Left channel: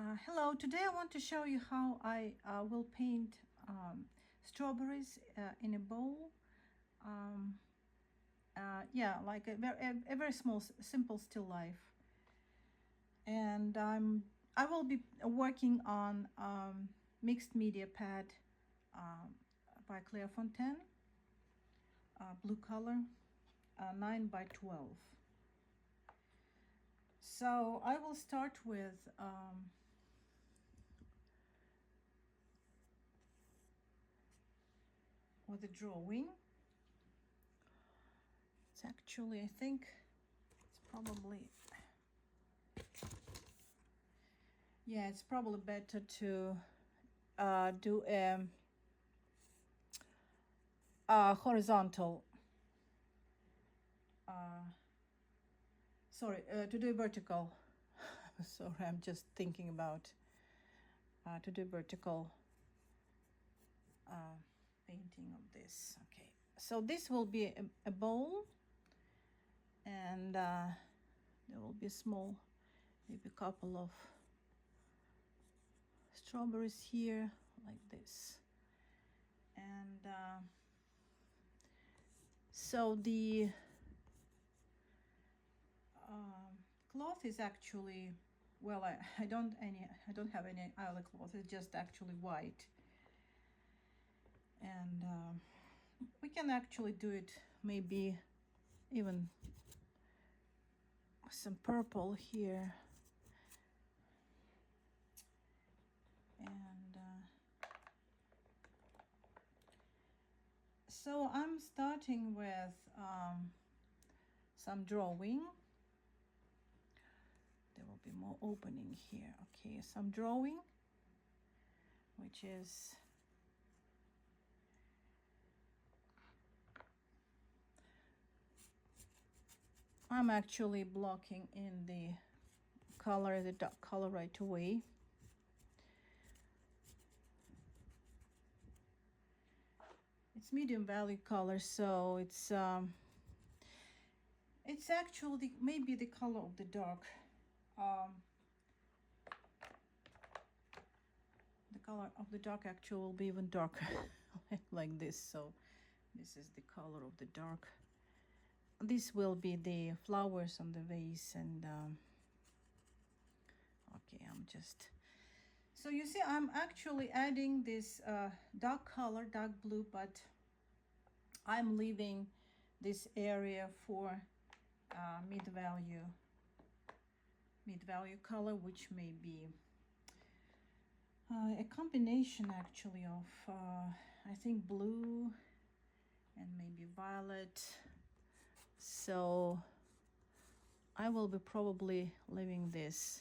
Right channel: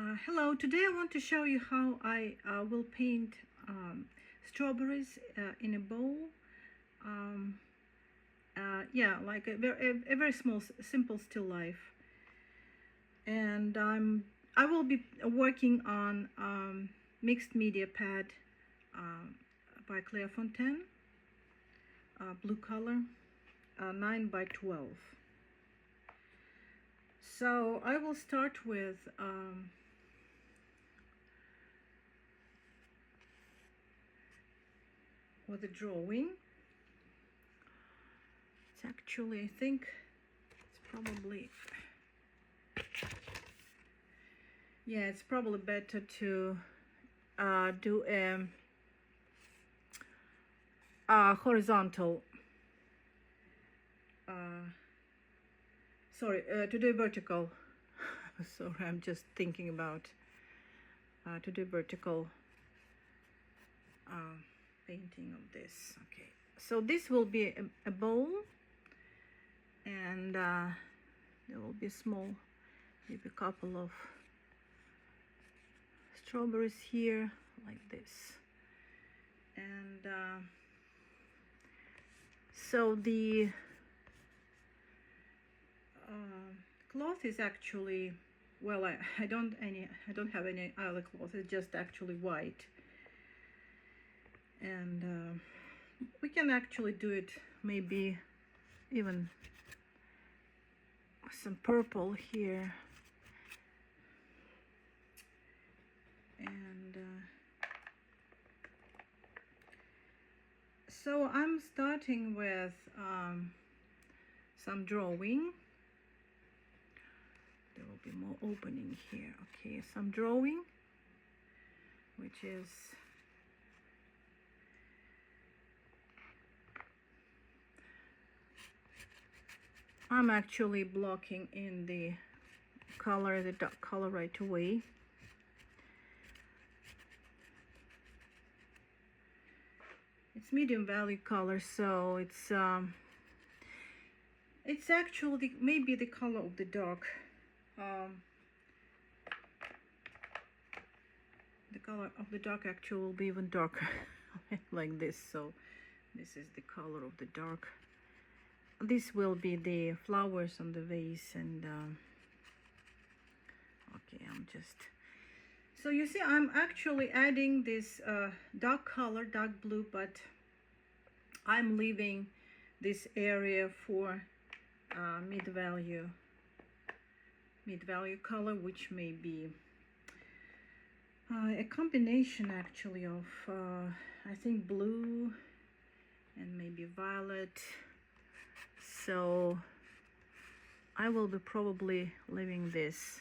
Hello, today I want to show you how I will paint strawberries in a bowl. Yeah, like a very small, simple still life. And I will be working on mixed media pad by Clairefontaine, blue color, 9 by 12. So I will start with a drawing. It's actually, I think it's probably, yeah, it's probably better to do a horizontal, to do vertical. Sorry, I'm just thinking about to do vertical painting of this. Okay, so this will be a bowl, and there will be small, maybe a couple of strawberries here like this. And so the cloth is actually, well, I don't have any other cloth. It's just actually white, and we can actually do it, maybe even some purple here. And so I'm starting with some drawing. There will be more opening here. Okay, some drawing, which is I'm actually blocking in the color, the dark color right away. It's medium value color, so it's actually maybe the color of the dark. The color of the dark actually will be even darker like this. So this is the color of the dark. This will be the flowers on the vase. And okay, I'm just, so you see I'm actually adding this dark color, dark blue, but I'm leaving this area for mid-value color, which may be a combination actually of I think blue and maybe violet. So I will be probably leaving this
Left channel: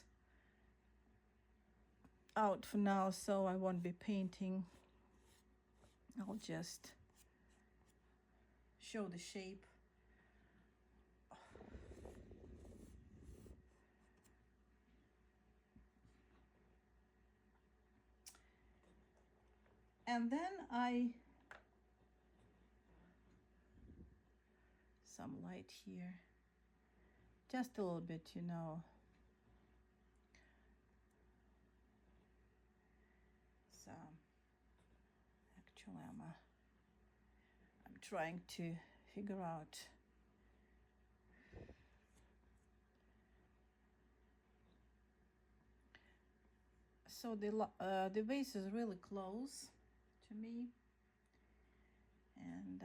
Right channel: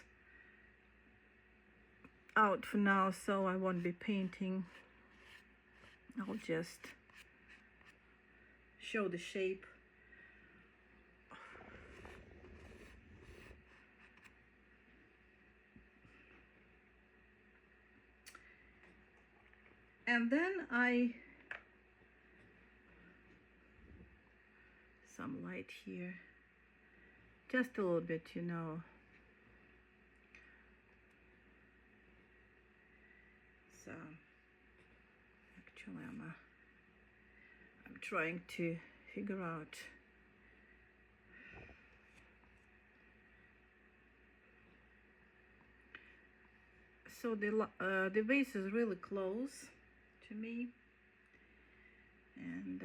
out for now, so I won't be painting. I'll just show the shape. And then some light here, just a little bit, you know. So actually I'm trying to figure out so the vase is really close to me, and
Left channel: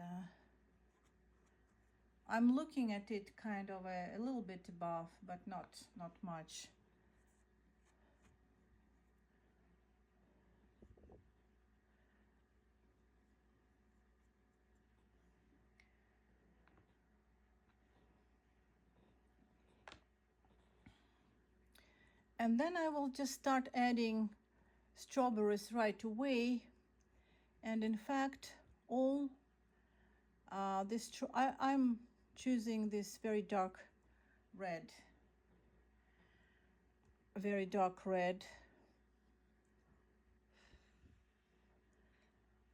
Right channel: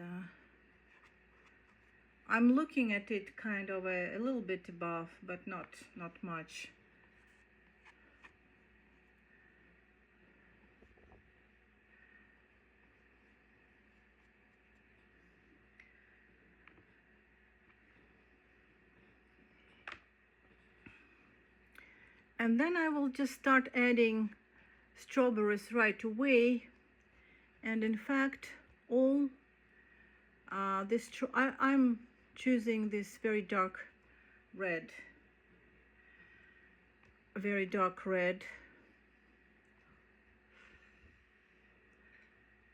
I'm looking at it kind of a little bit above, but not much. And then I will just start adding strawberries right away. And in fact, all this I'm choosing this very dark red, very dark red.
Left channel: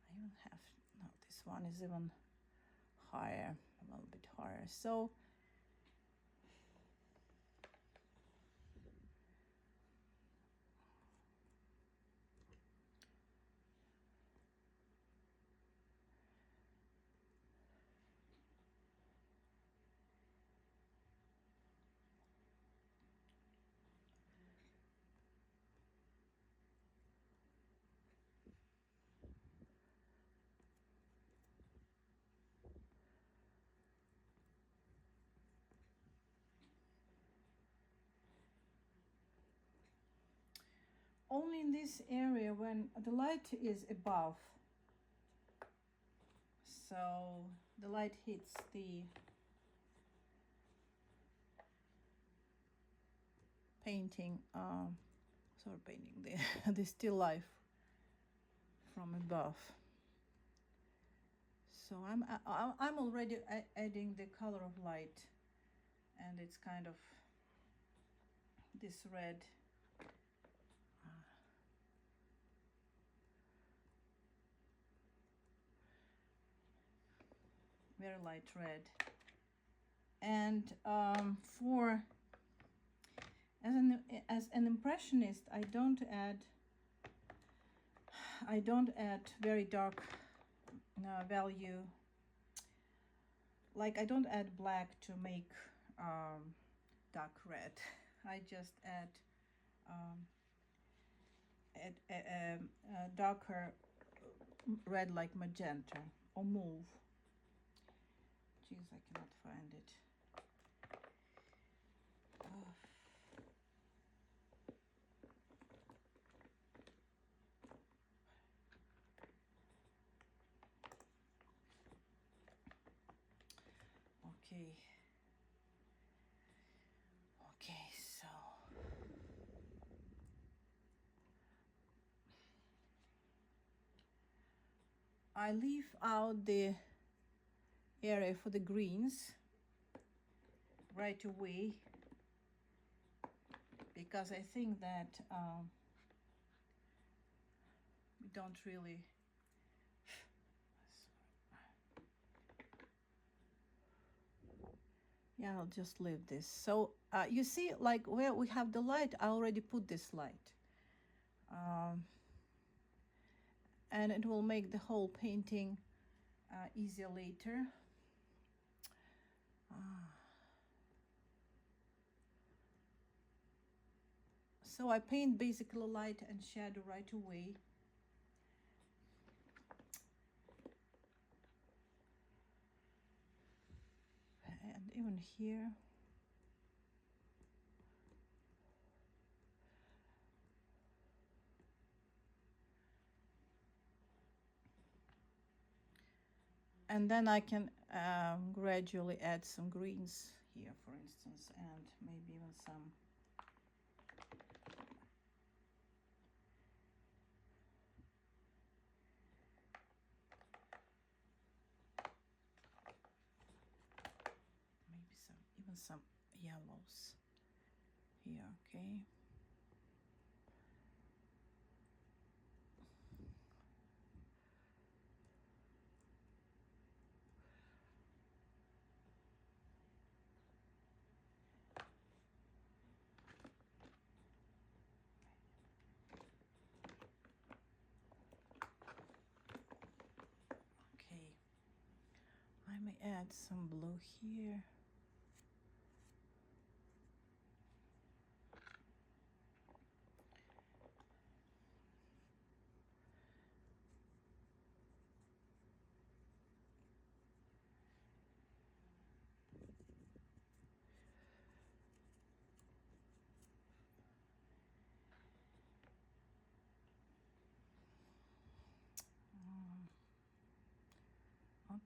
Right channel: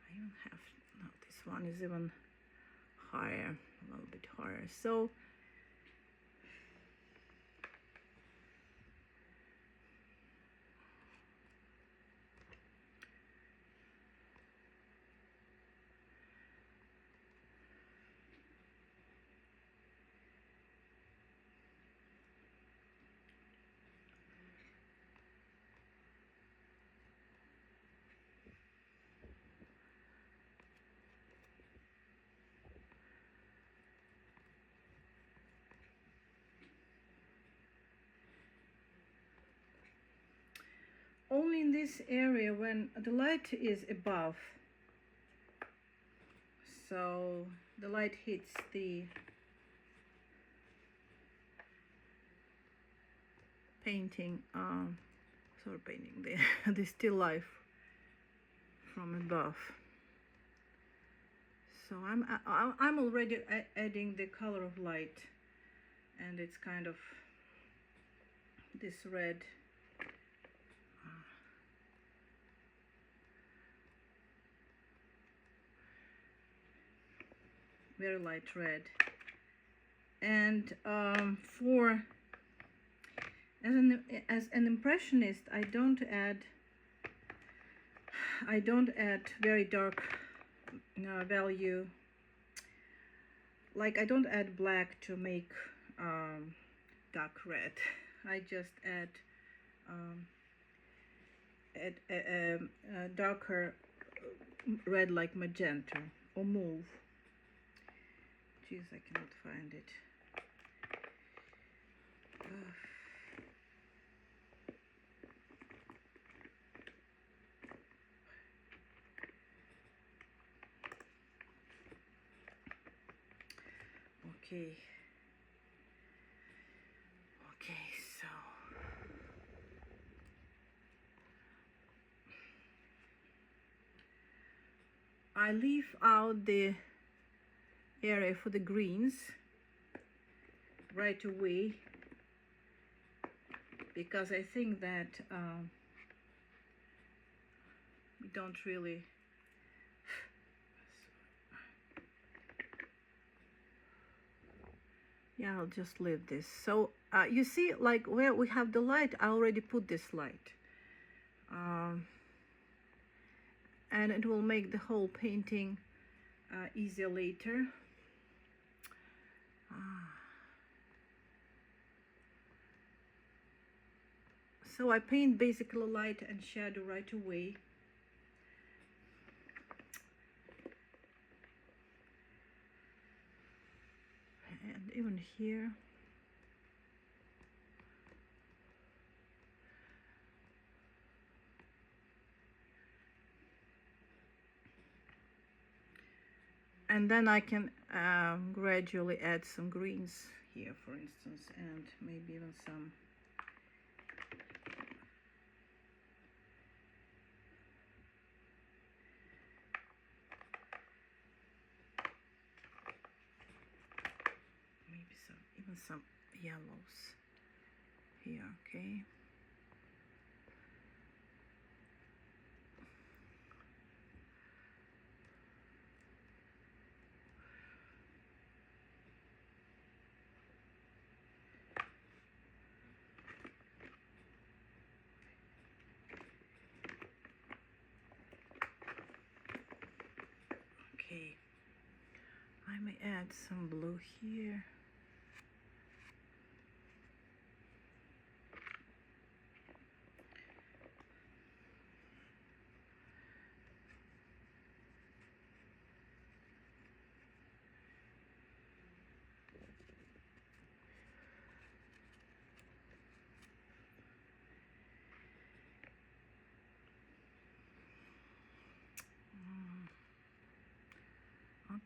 I don't have, no, this one is even higher, a little bit higher. So only in this area when the light is above. So the light hits the painting, sort of painting the still life from above. So I'm already adding the color of light, and it's kind of this red. Very light red. And for as an impressionist, I don't add very dark value. Like I don't add black to make dark red. I just add a darker red like magenta or mauve. Jeez, I cannot find it. Okay. Okay, so I leave out the area for the greens right away because I think that we don't really yeah, I'll just leave this. So you see, like where we have the light, I already put this light, and it will make the whole painting easier later. So I paint basically light and shadow right away. And even here. And then I can gradually add some greens here, for instance, and maybe even some some yellows here. Okay. Okay, I may add some blue here.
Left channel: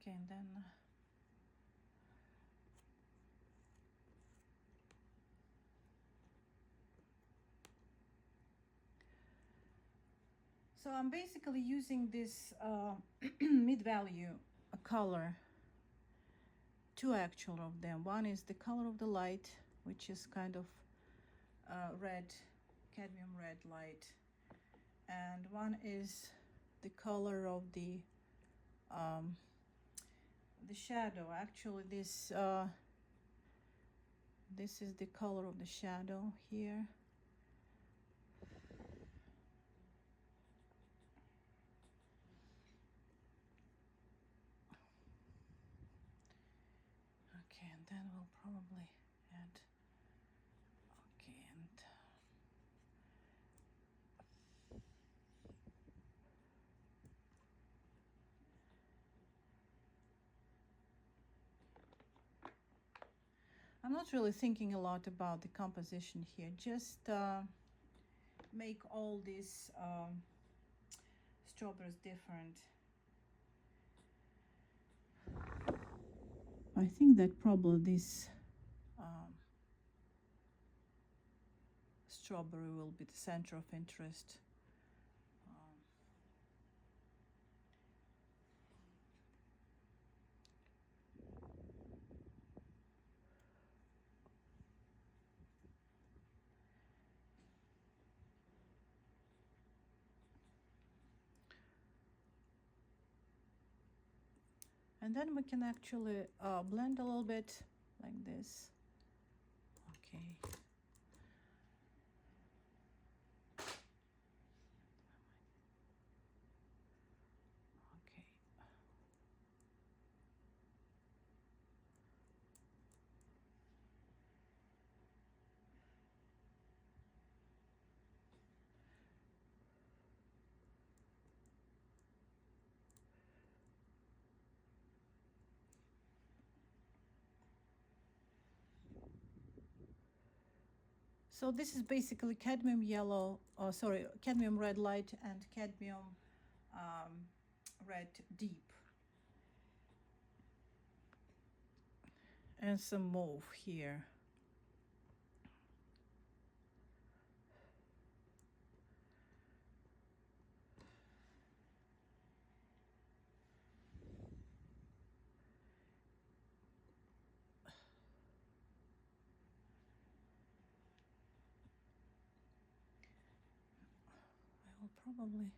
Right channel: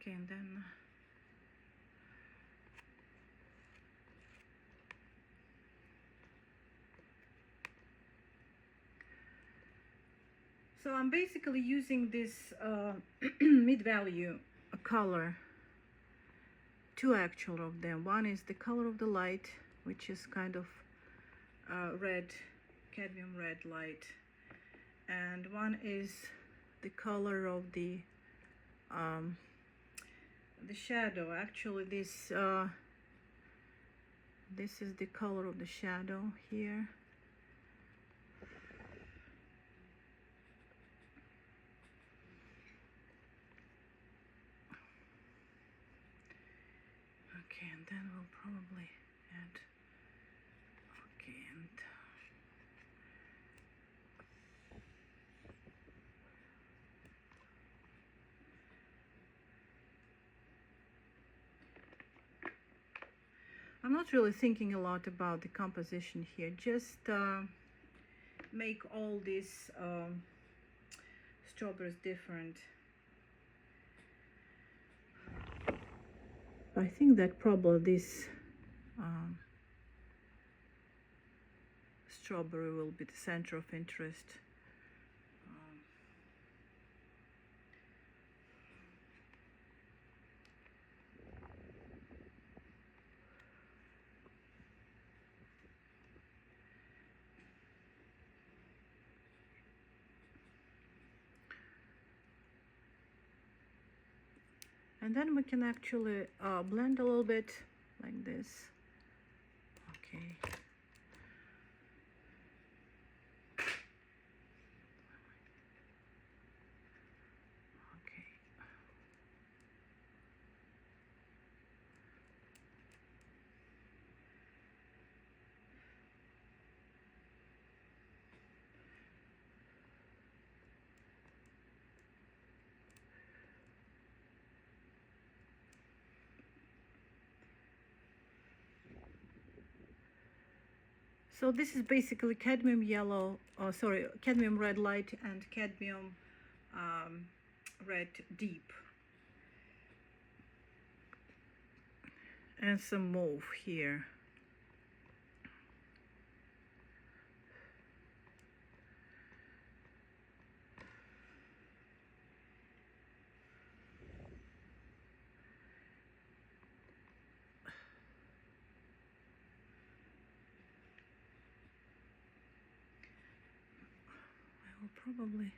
Okay, and then so I'm basically using this mid-value color, two actual of them. One is the color of the light, which is kind of red, cadmium red light, and one is the color of the shadow. Actually, this is the color of the shadow here. Okay, and then we'll probably add, okay, and I'm not really thinking a lot about the composition here, just make all these strawberries different. I think that probably this strawberry will be the center of interest. And then we can actually blend a little bit like this. Okay. Okay. So this is basically cadmium yellow, cadmium red light and cadmium red deep. And some mauve here. I will probably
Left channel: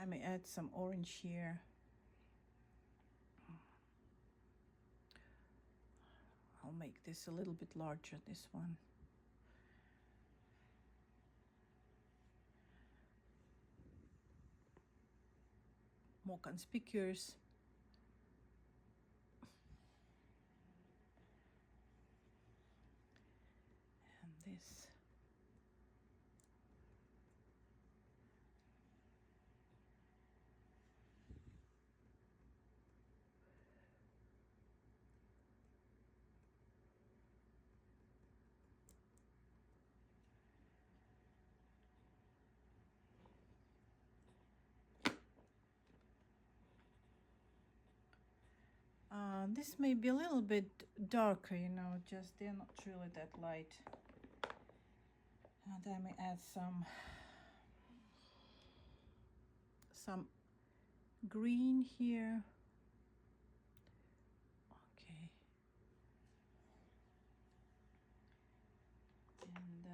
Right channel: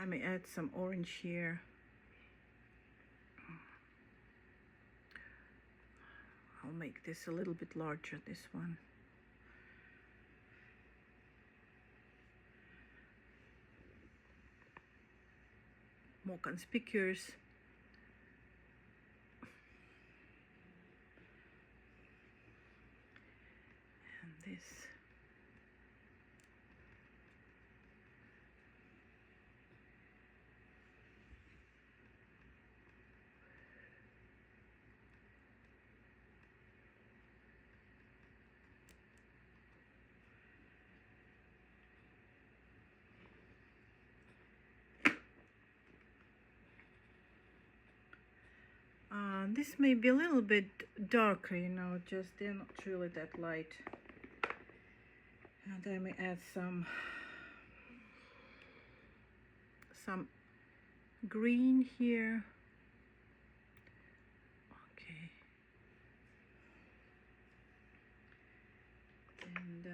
I may add some orange here. I'll make this a little bit larger, this one. More conspicuous. And this. This may be a little bit darker, you know, just they're not really that light. And I may add some green here. Okay. And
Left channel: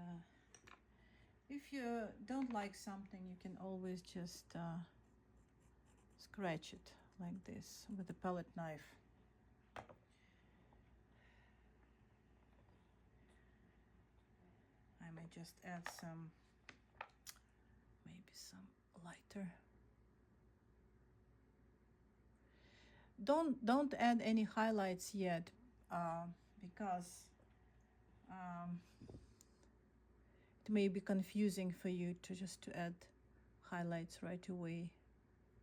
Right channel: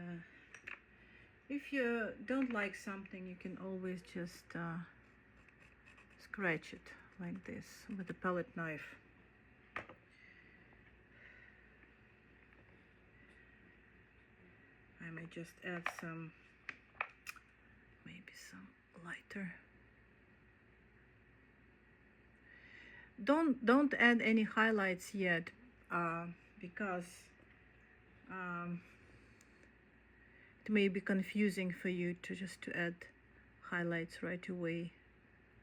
if you don't like something, you can always just scratch it like this with a palette knife. I may just add some, maybe some lighter. Don't add any highlights yet, because it may be confusing for you to add highlights right away.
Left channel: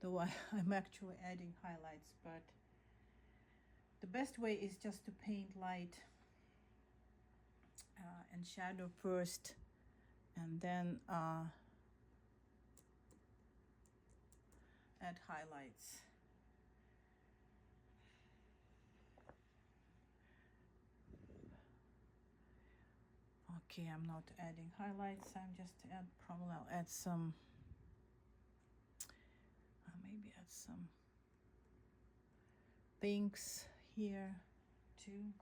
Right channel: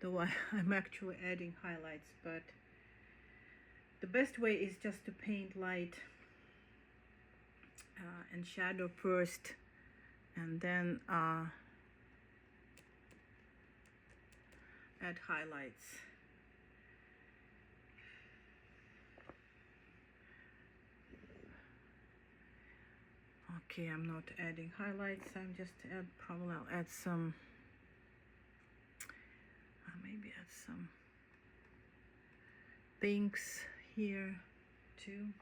Though I'm actually adding highlights, but the best way is just to paint light and shadow first, and then add highlights. Okay, I'm not adding highlights, I'm just probably I'll add some, maybe add some pinks here too.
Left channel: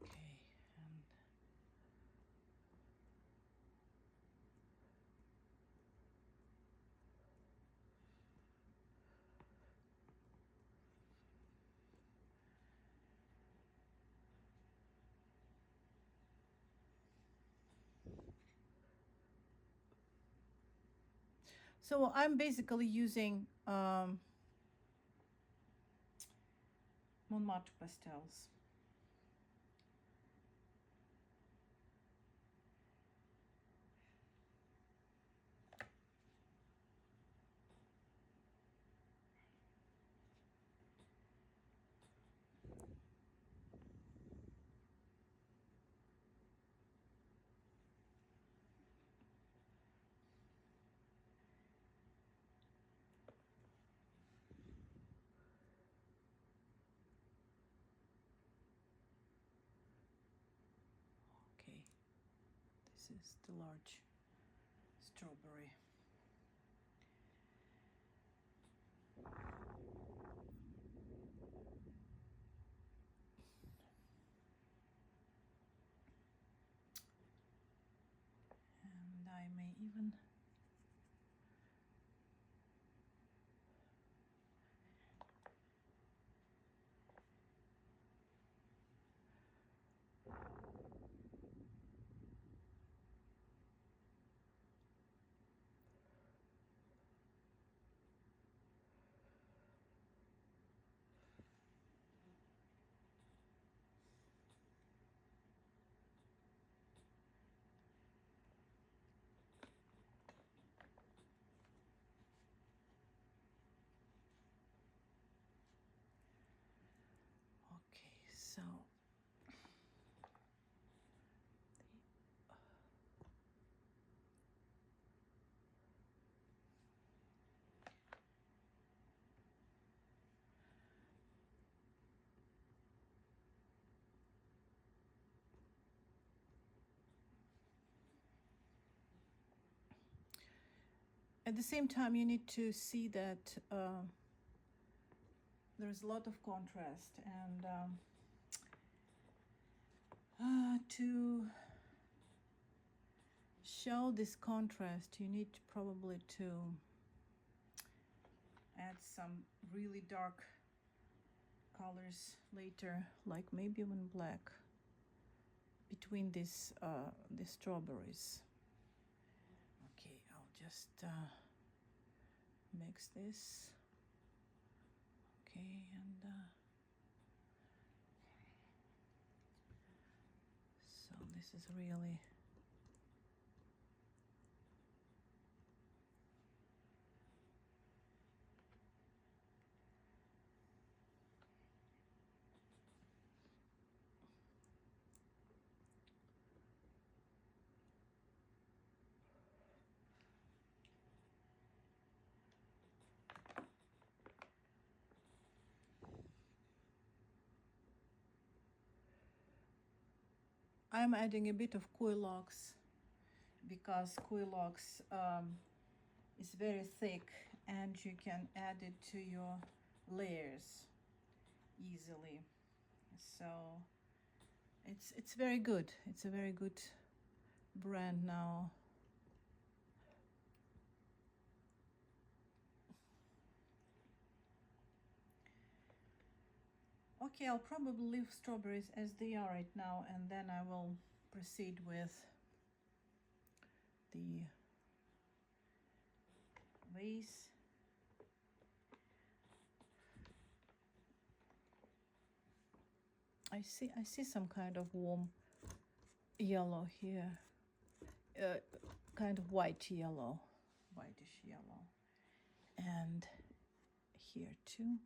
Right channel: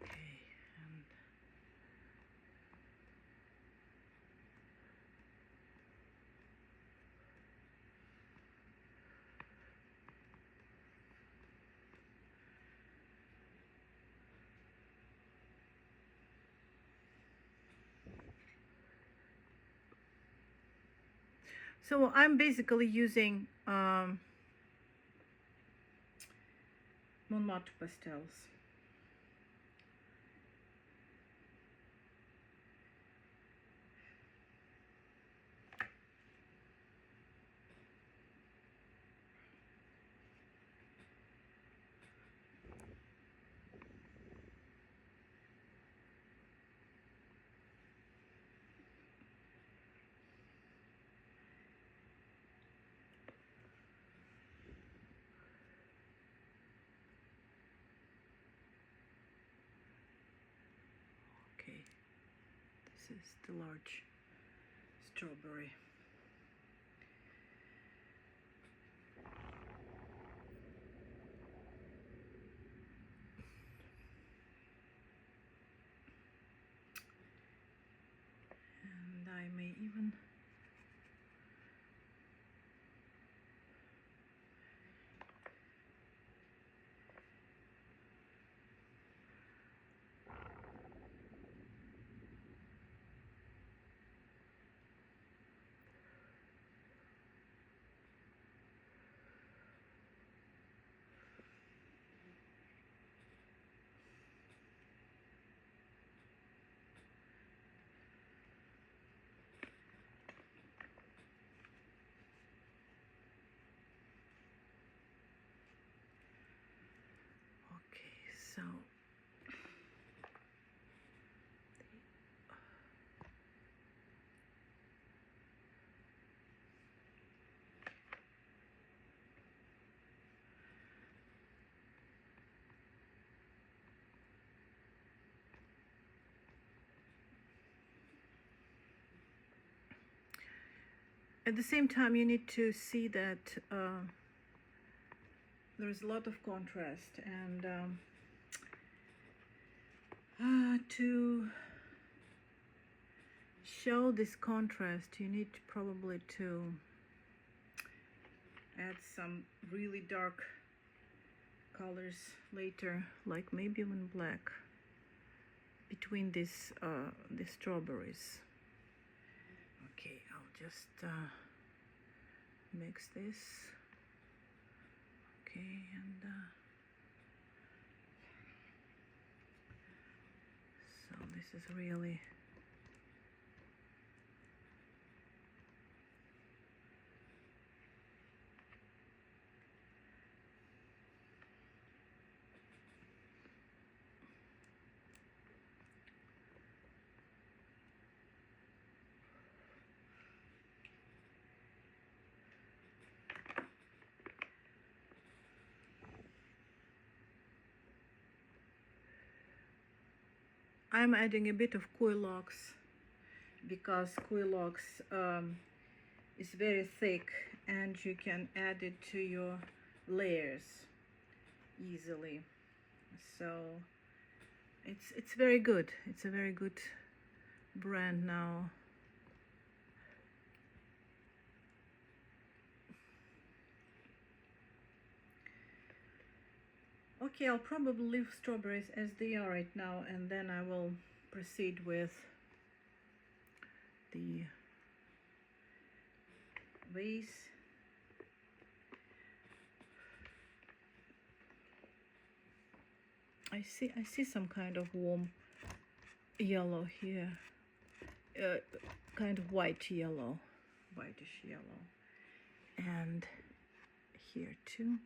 Okay, and so I'm basically using Montmartre pastels. is the large strawberry. And I may even so at the same time you need to see that there's a lot of contrast, and to show this contrast you need probably to add some really dark colors later, like maybe even black, between these the strawberries. Okay, I'll just mix this. Okay, and so this is really I'm adding a bit of Quilox because Quilox is very thick and you can add it to your layers easily. So it's very good. It's a very good brand now. Okay, I'll probably leave strawberries as they are right now, and then I will proceed with the vase. I see some kind of warm yellow here, kind of white yellow, whitish yellow, and here too.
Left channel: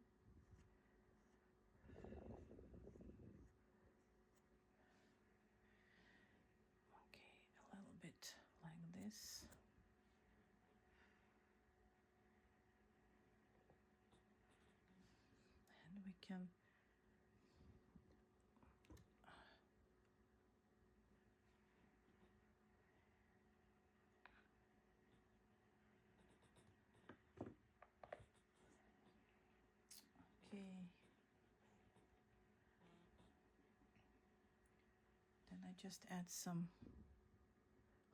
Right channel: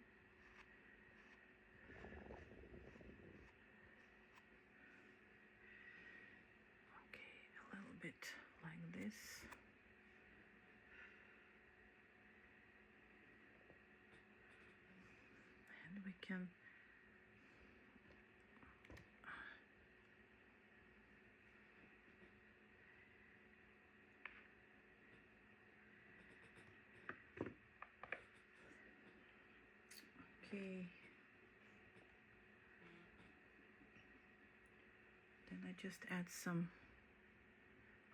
Okay, a little bit like this. And we can okay. Then I just add some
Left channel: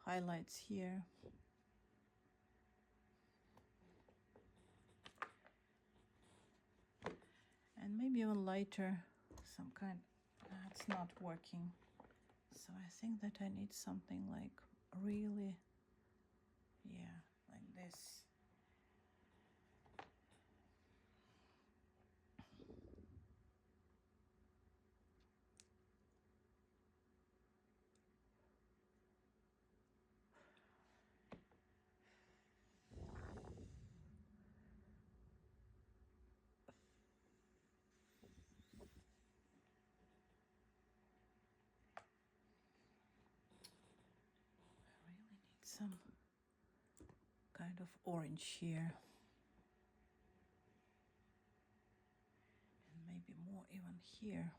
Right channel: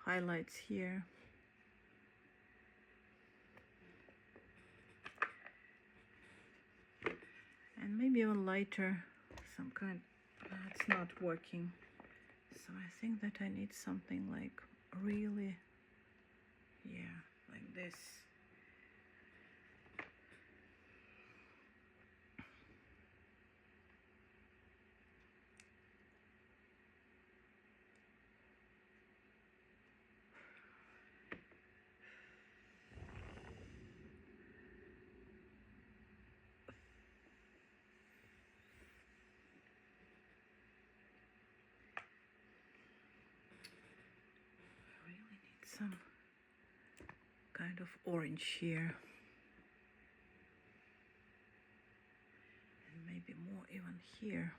highlights here. And maybe even lighter, some kind. That's not working. So I think that I need something like really, yeah, like this. Some kind of orange here, and maybe more even here.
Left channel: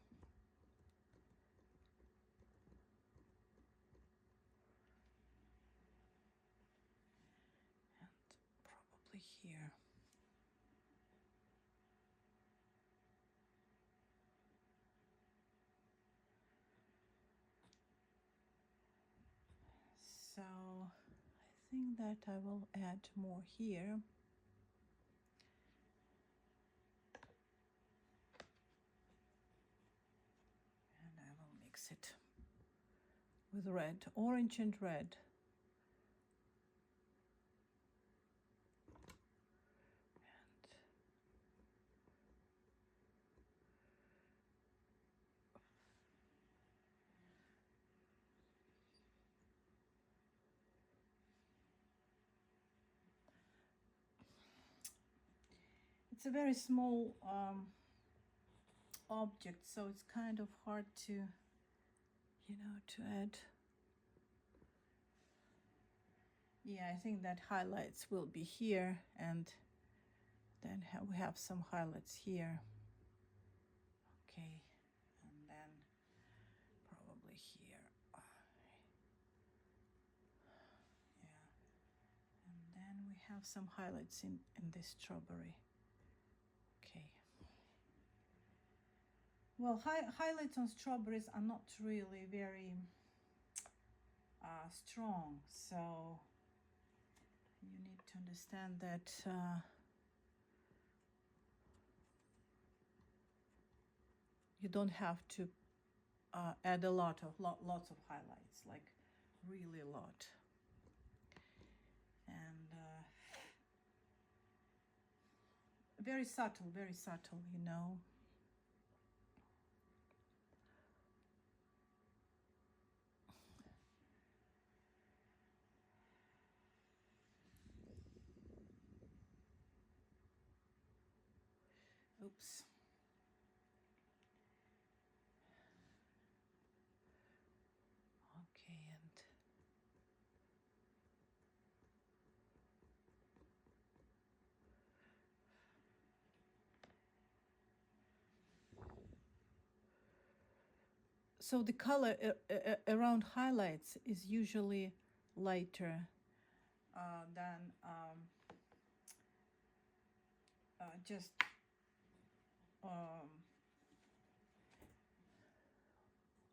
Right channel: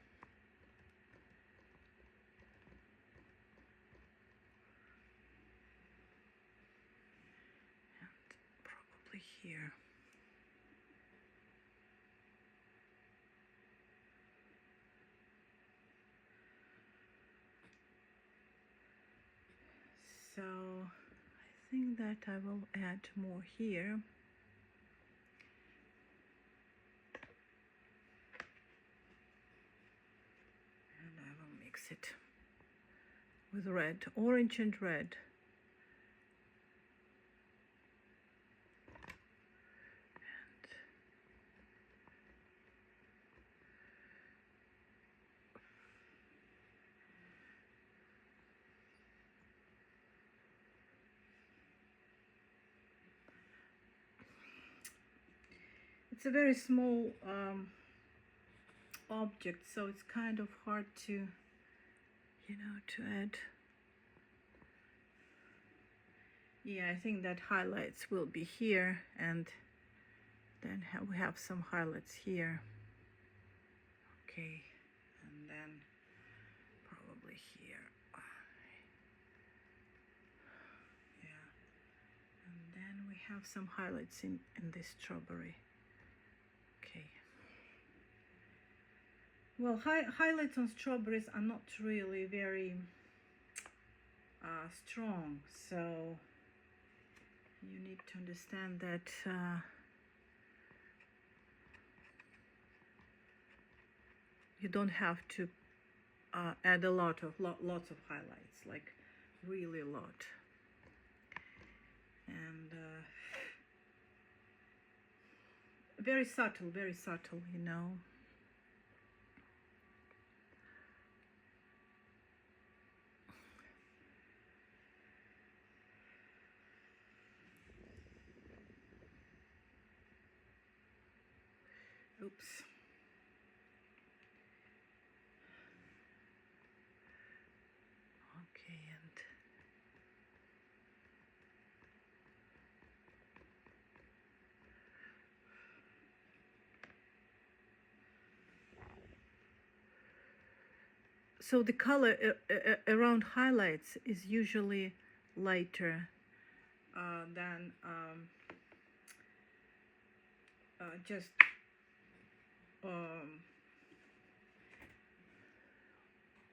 here. So I think that I will add more here. And I will mix it with red, orange and red. It's a very small object, so it's kind of hard to, you know, to add. Yeah, I think that highlights will be here, and then we have some highlights here. Okay, and then probably here. Yeah, and then we have some highlights in this strawberry. Okay. Well, highlights on strawberries are not really very strong, so you need to understand that you don't have to add a lots of highlights, like really a lot. And very subtle, you know. Oops. Okay, and so the color around highlights is usually lighter than just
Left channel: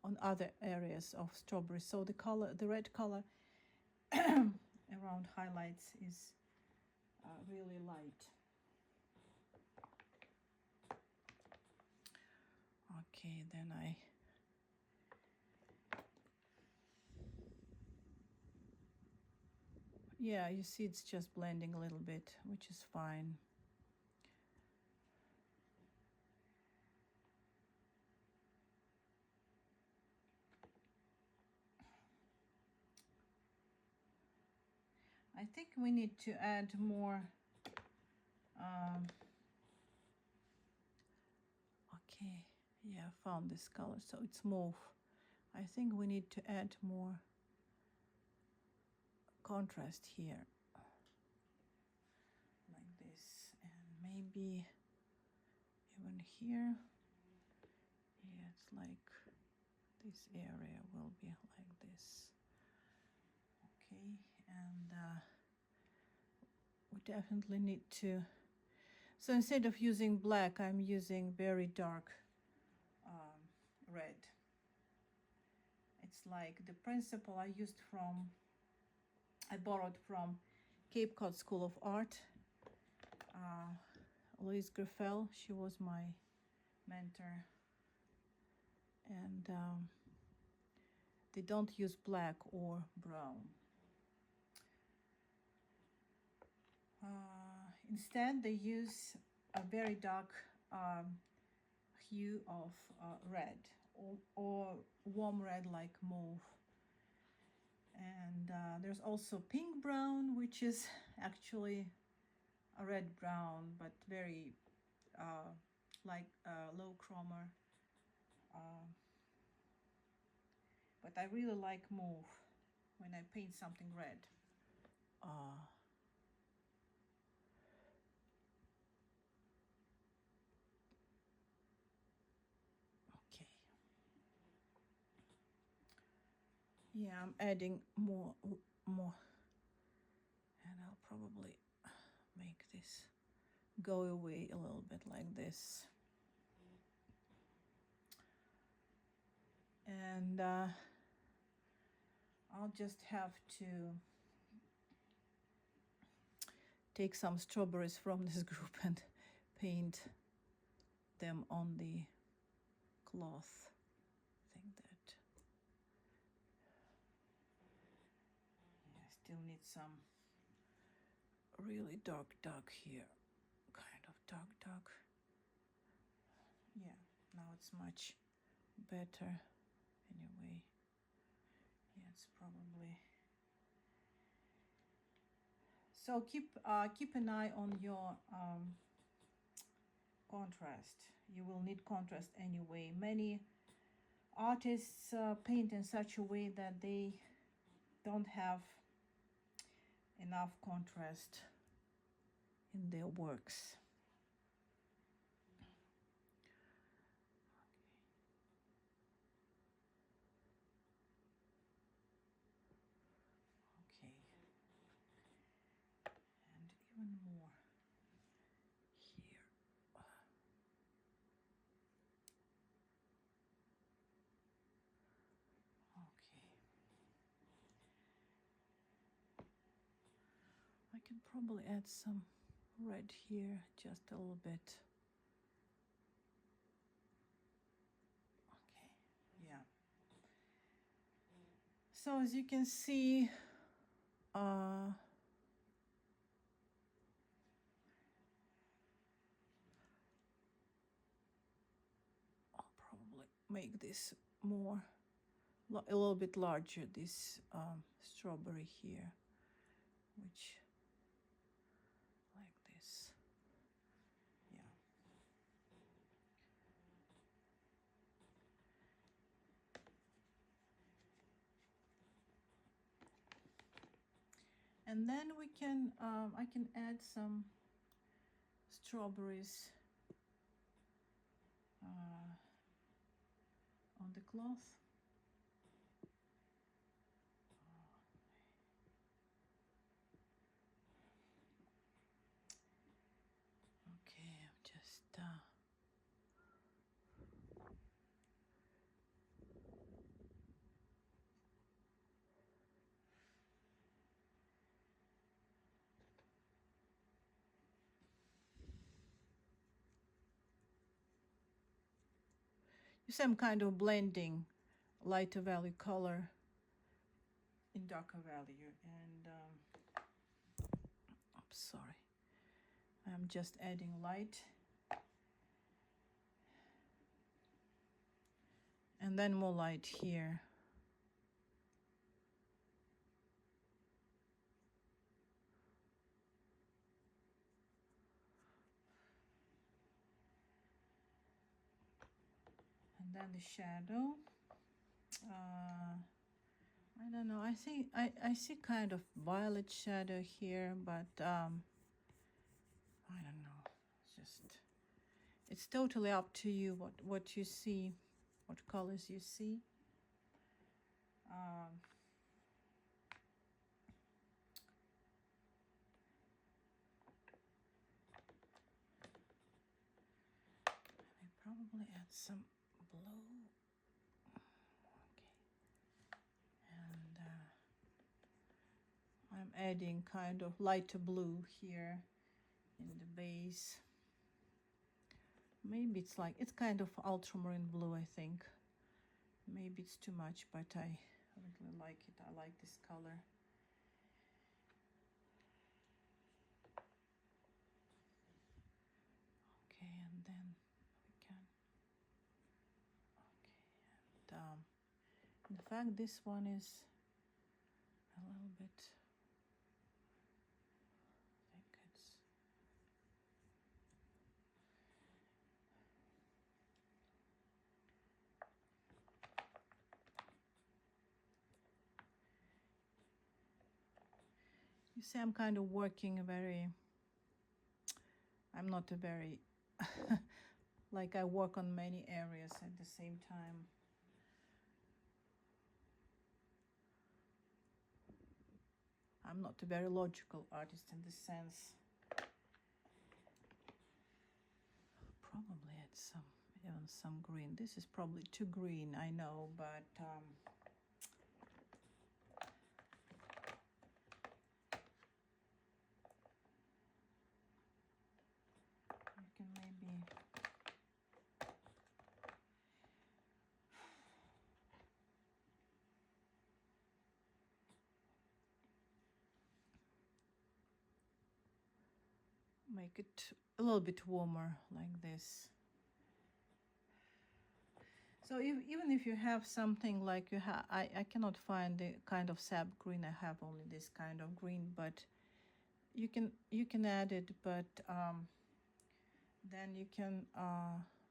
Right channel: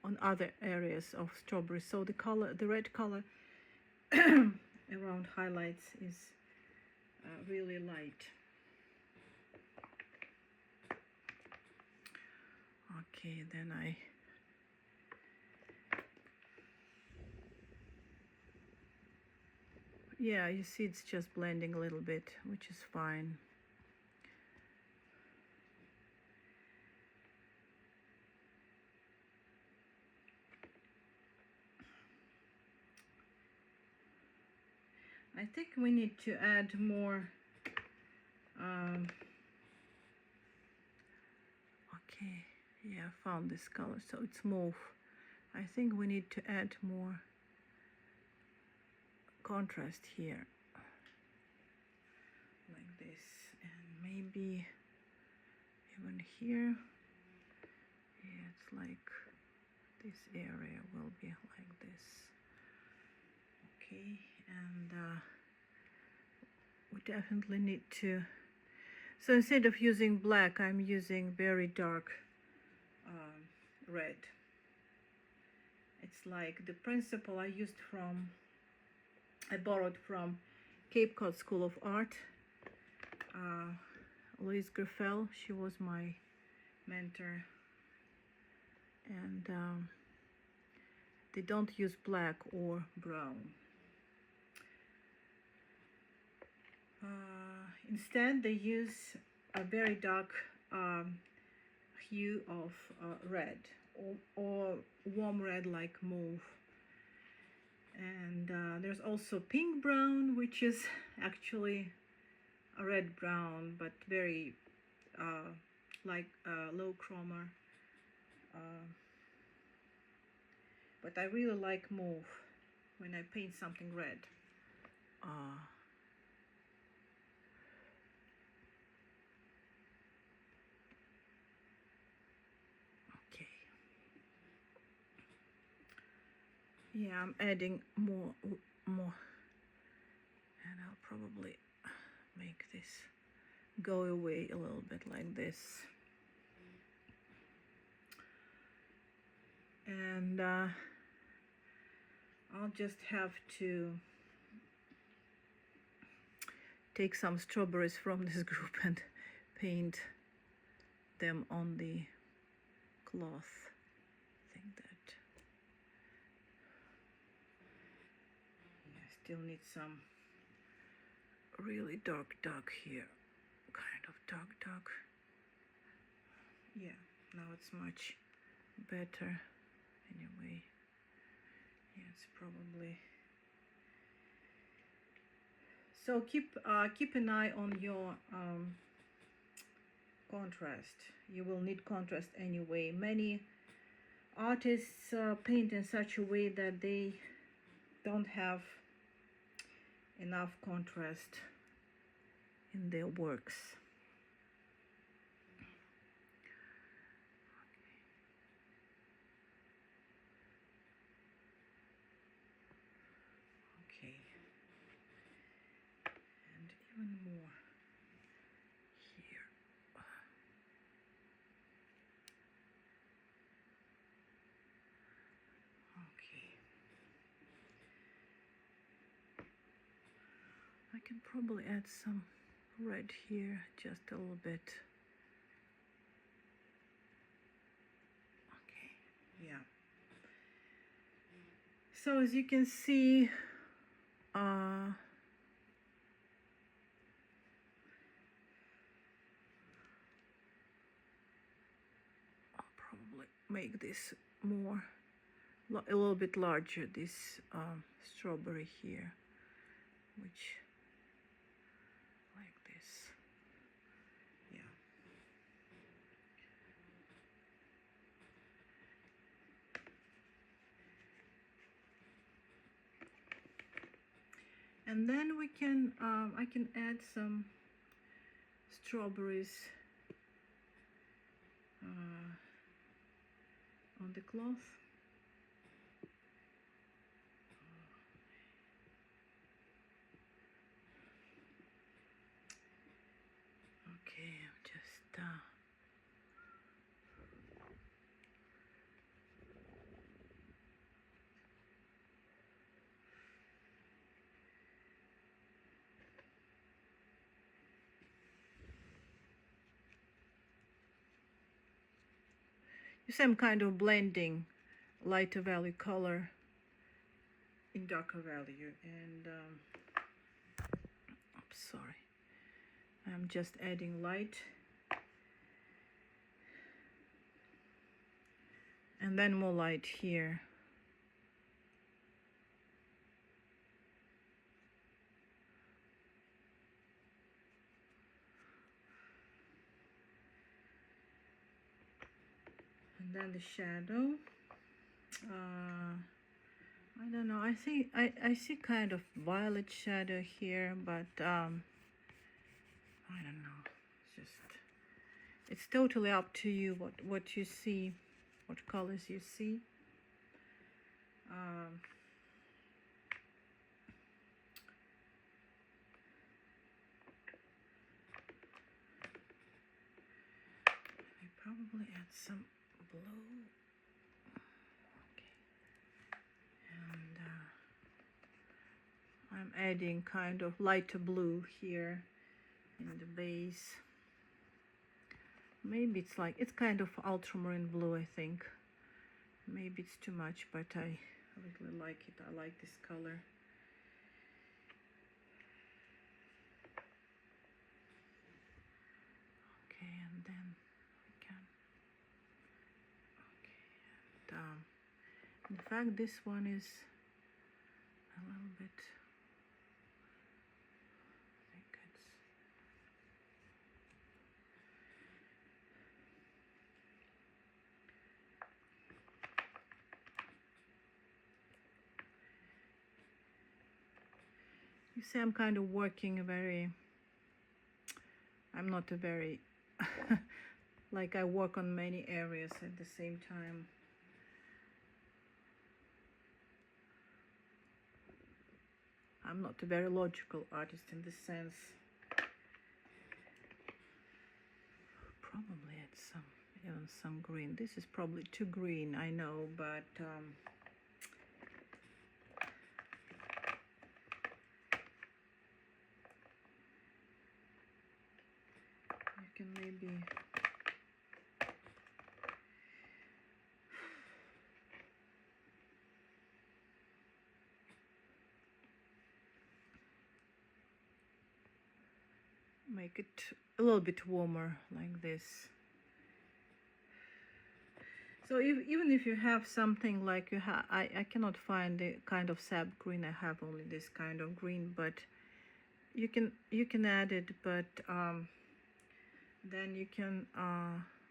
on other areas of strawberry. So the color, the red color around highlights is really light. Okay, then yeah, you see it's just blending a little bit, which is fine. I think we need to add more. Okay, yeah, I found this color, so it's mauve. I think we need to add more contrast here, like this, and maybe even here. Yeah, it's like this area will be like this. Okay, and we definitely need to, so instead of using black, I'm using very dark red. It's like the principle I borrowed from Cape Cod School of Art. Louise Griffel, she was my mentor, and they don't use black or brown. Instead, they use a very dark hue of red, or warm red like mauve. And there's also pink brown, which is actually a red brown, but very like low chroma. But I really like mauve when I paint something red. Okay. Yeah, I'm adding more, and I'll probably make this go away a little bit like this. And I'll just have to take some strawberries from this group and paint them on the cloth. I think that I still need some really dark here, kind of dark. Yeah, now it's much better. Anyway, yeah, it's probably. So keep an eye on your contrast. You will need contrast anyway. Many artists paint in such a way that they don't have enough contrast in their works. Okay, and even more here. Okay, I can probably add some red here, just a little bit. Okay, yeah. So as you can see, I'll probably make this more, a little bit larger, this strawberry here, which, like this, yeah. And then we can, I can add some strawberries on the cloth. Okay, I'm just you see, I'm kind of blending lighter value color in darker value, and oops, sorry, I'm just adding light and then more light here. And then the shadow, I don't know, I see kind of violet shadow here, but I don't know, it's totally up to you what you see, what colors you see. I probably add some blue. Okay. And I'm adding kind of lighter blue here in the base. Maybe it's kind of ultramarine blue, I think. Maybe it's too much, but I really like it. I like this color. Okay, and then we can. Okay, and in fact, this one is a little bit. I think it's. You see, I'm kind of working I'm not a very, like I work on many areas at the same time. I'm not a very logical artist in this sense. some, you know, some green. This is probably too green, I know, but you can maybe make it a little bit warmer like this. So even if you have something like you have, I cannot find the kind of sap green. I have only this kind of green, but you can add it, but then you can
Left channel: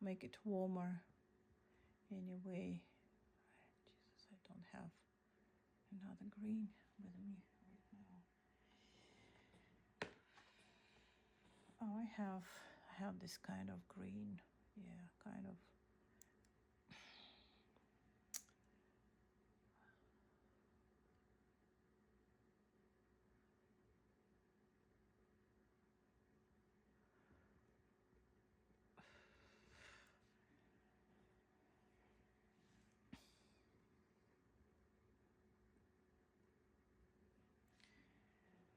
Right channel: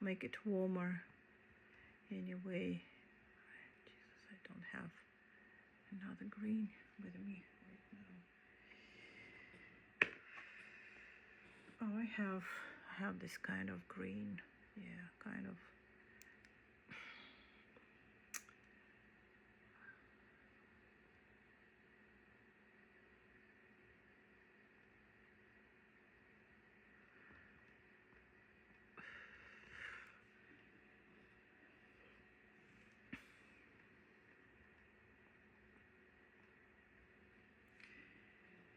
make it warmer anyway. Jesus, I don't have another green with me right now. Oh, I have this kind of green. Yeah, kind of.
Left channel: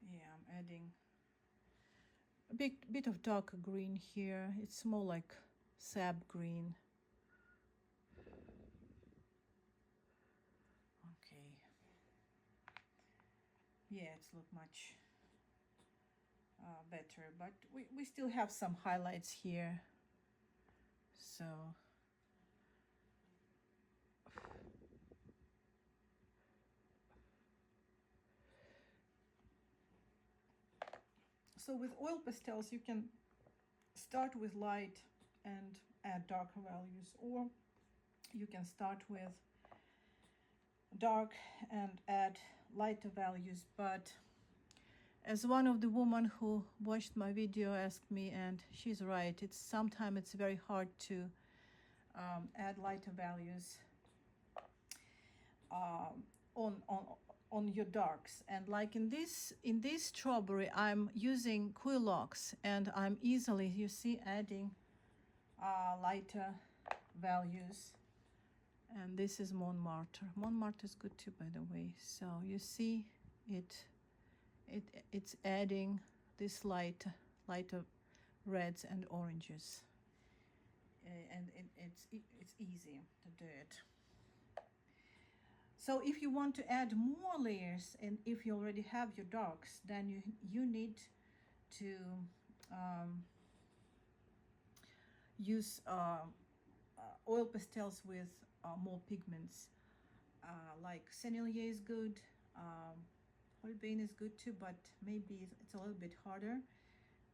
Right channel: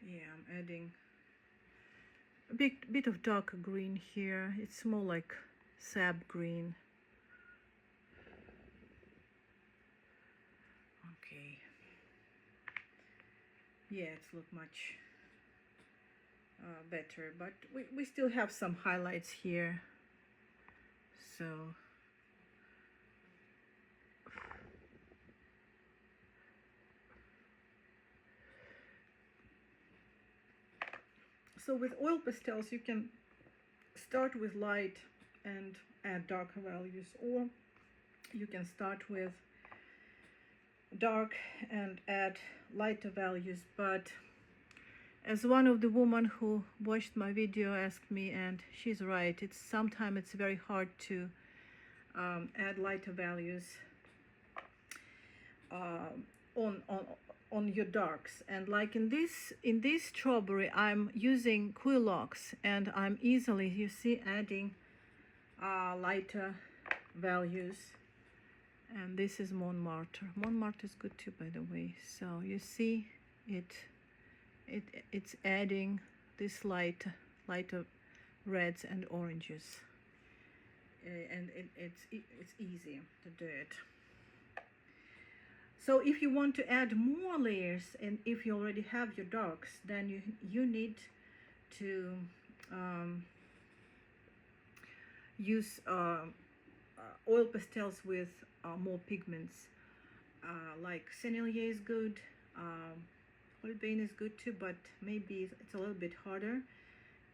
Yeah, I'm adding a bit of darker green here. It's more like sap green. Okay. Yeah, it's look much better, but we still have some highlights here. So with oil pastels, you can start with light and add darker values, or you can start with dark and add lighter values. But as one of the women who watched my video asked me, and she's right, sometimes it's very hard to add lighter values on your darks. And like in this strawberry, I'm using Quilox, and I'm easily, you see, adding lighter values. And this is Montmartre. Montmartre is good too, by the way. So you see it's adding this lighter reds and oranges, and it's easy to do it. So if you want to add more layers, and if you already have your darks, then you need to use oil pastels with more pigments. Like Sennelier is good, Holbein is good too, but maybe it's a little bit harder.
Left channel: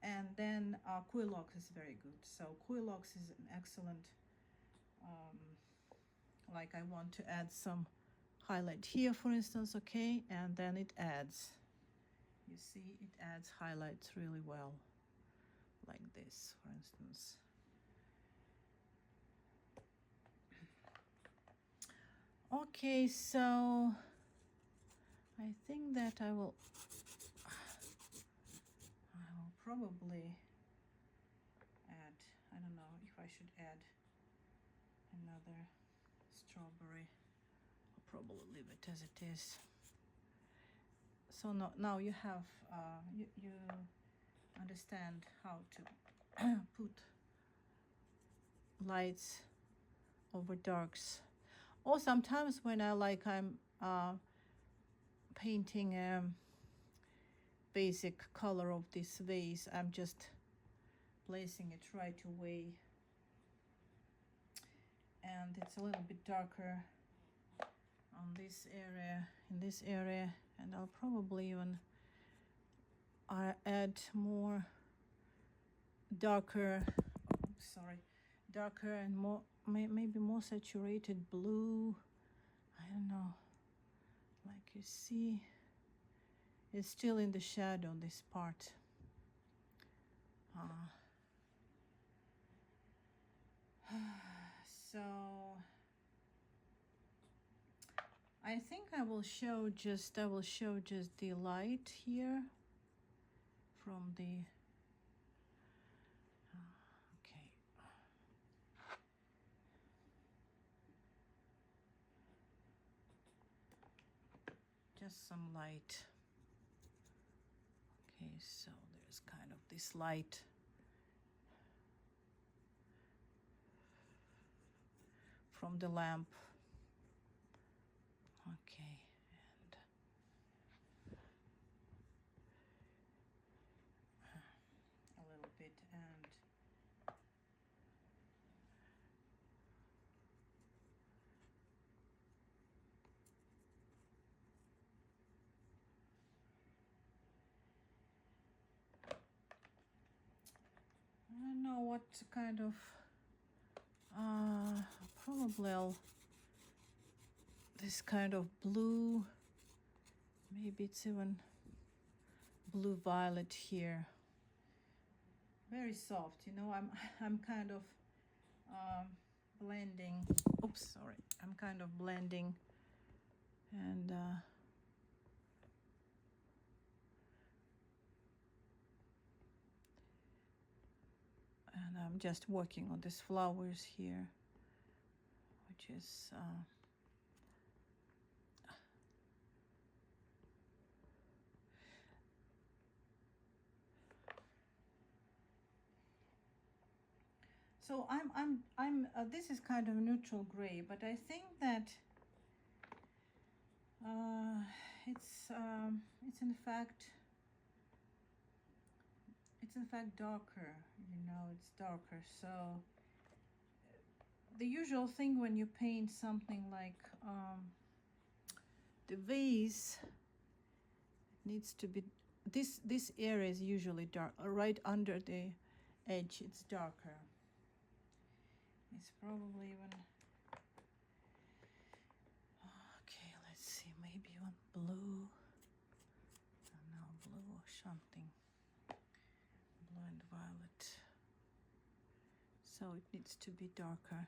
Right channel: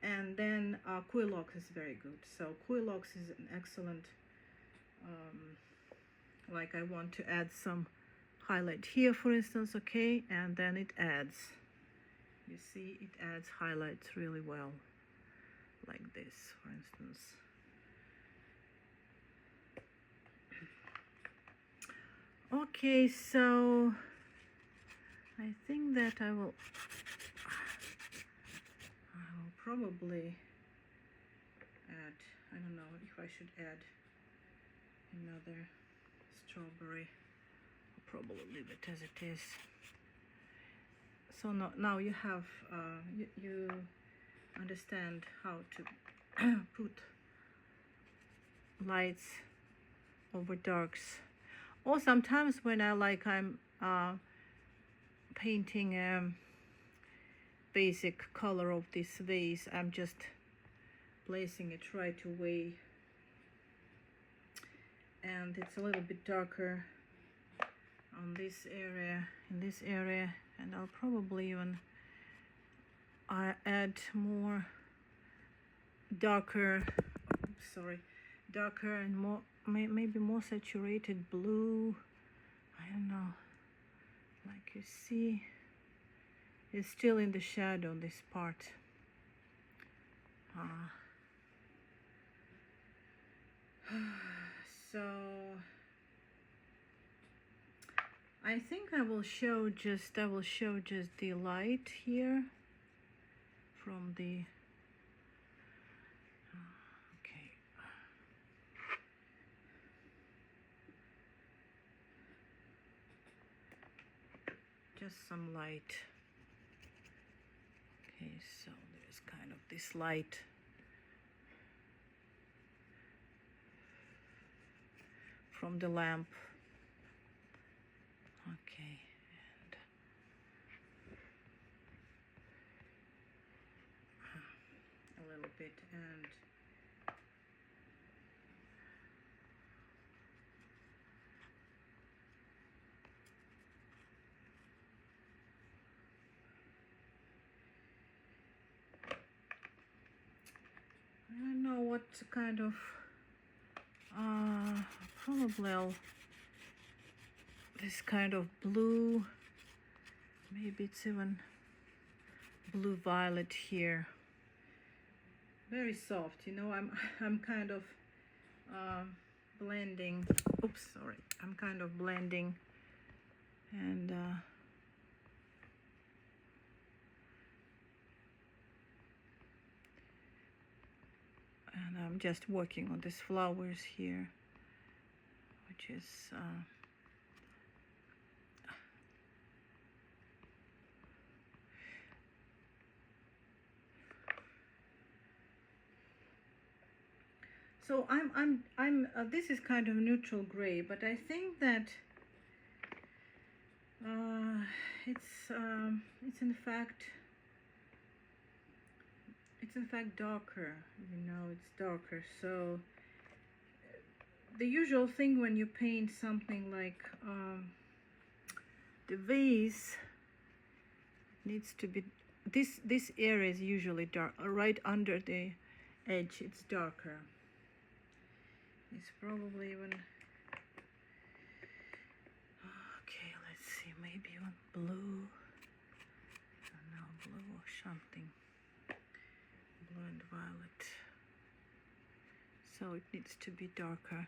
And then Quilox is very good. So Quilox is an excellent, like I want to add some highlight here, for instance, okay, and then it adds, you see, it adds highlights really well, like this, for instance. Okay, so I think that I will probably add, I don't know if I should add another strawberry. I'll probably leave it as it is. So now you have, you understand how to put lights over darks. Or sometimes when I'm painting a basic color of this vase, I'm just placing it right away, and it's a little bit darker on this area, in this area, and I'll probably even add more darker and more, maybe more saturated blue. I don't know, like you see, it's still in the shadow, this part. So I think I will show just the light here from the okay. just some light. Okay, so there's kind of this light. From the lamp. Okay, and a little bit, and I don't know what kind of probably this kind of blue, maybe it's even blue violet here, very soft, you know. I'm kind of blending, oops, sorry, I'm kind of blending, and I'm just working on these flowers here, which is so I'm this is kind of neutral gray, but I think that it's in fact darker, you know, it's darker. So the usual thing when you paint something like the vase, needs to be, this area is usually dark, right under the edge it's darker. It's probably even, okay, let's see, maybe you want blue, I don't know, blue or something, blue and violet, so it needs to be darker.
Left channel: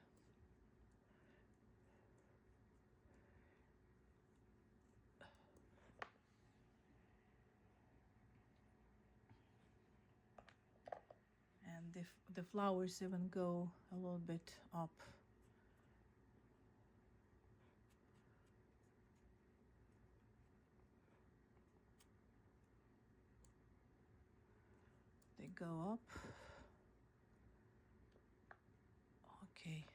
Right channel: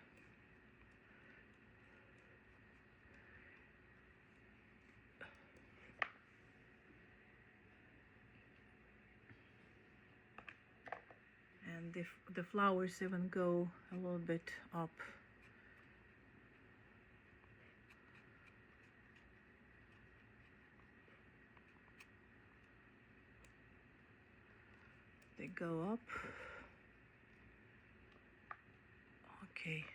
And the flowers even go a little bit up. They go up. Okay.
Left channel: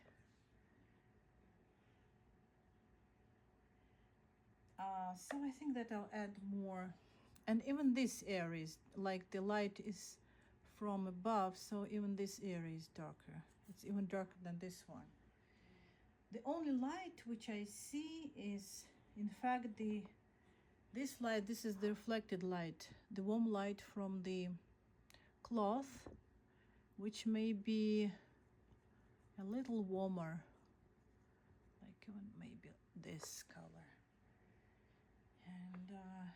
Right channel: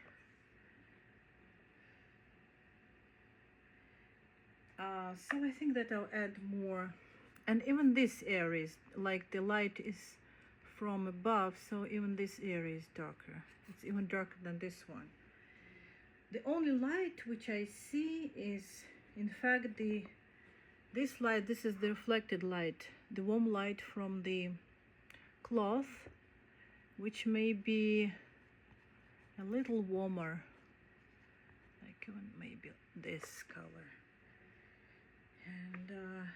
So I think that I'll add more. And even this area is, like the light is from above, so even this area is darker. It's even darker than this one. The only light which I see is, in fact, this light. This is the reflected light, the warm light from the cloth, which may be a little warmer, like even maybe this color. And then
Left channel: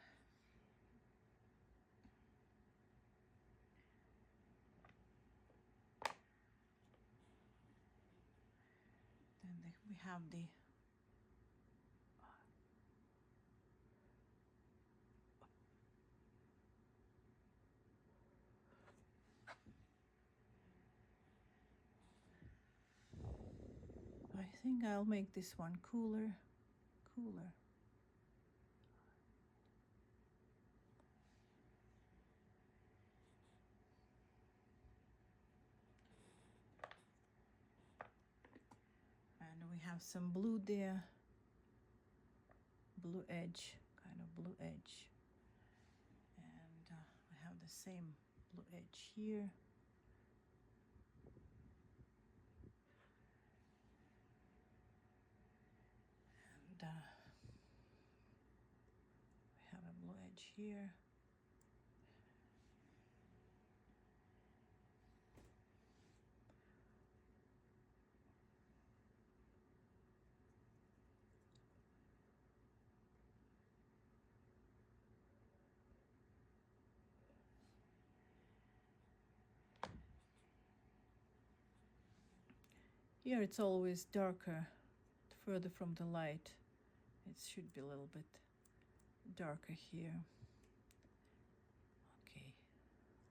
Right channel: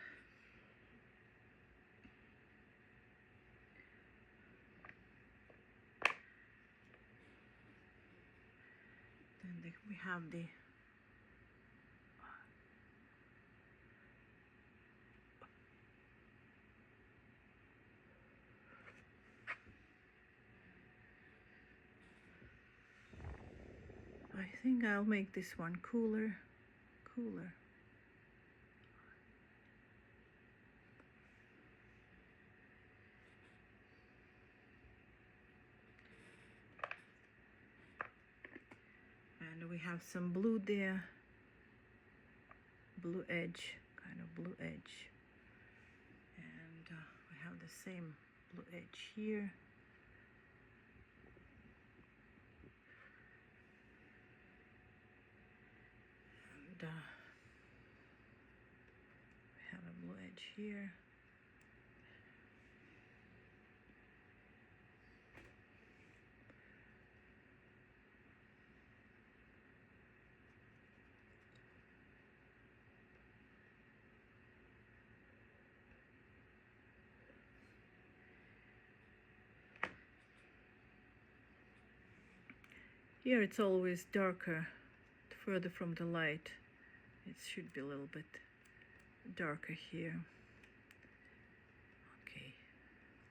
we have the I think I'll make this one cooler. And we have some blue there, blue edge, kind of blue edge. And we have the same blue edge here. And we have a blue edge here. Here it's always darker, further from the light. It should be a little bit darker here. Okay,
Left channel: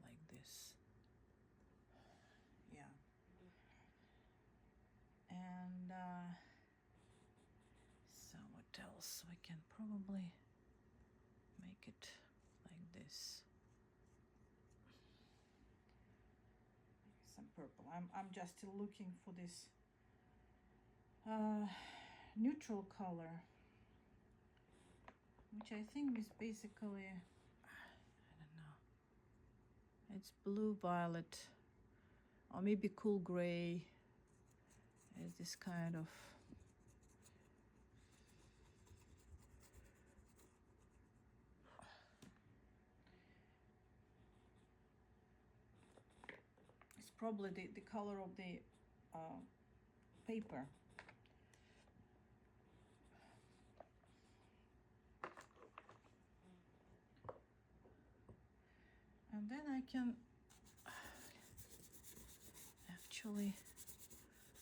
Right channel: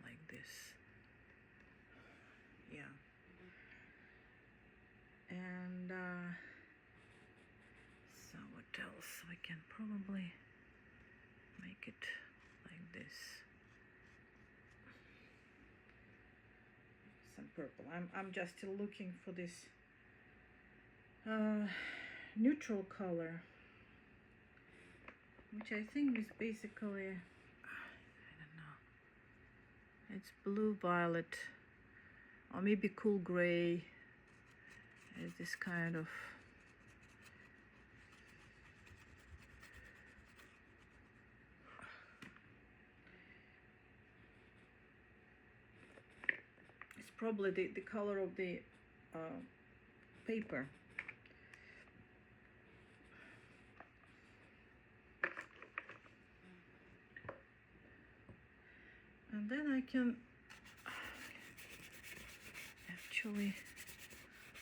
like this. Yeah. And so what else? We can probably make it like this. Some purple. I'm just still looking for this neutral color, which I think is basically, I don't know, it's blue violet or maybe cool gray. It's this kind of it's probably the color of the paper. And then I can actually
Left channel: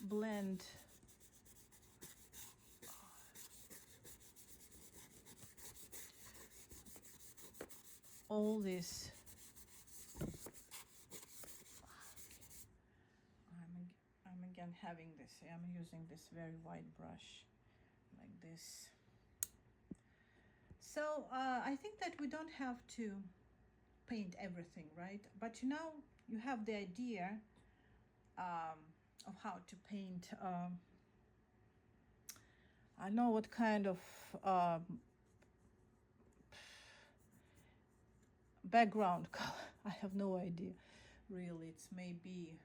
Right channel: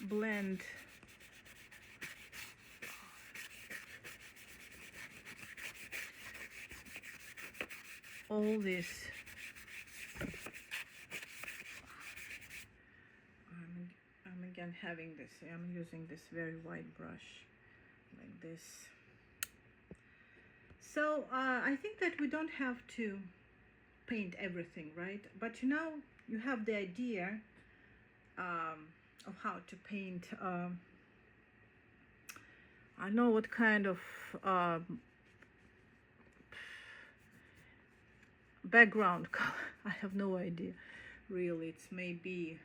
blend all this. I'm again having this, I'm using this very white brush like this. So I think that we don't have to paint everything, right? But you know, you have the idea of how to paint. I know what kind of background color. I have no idea really. It's maybe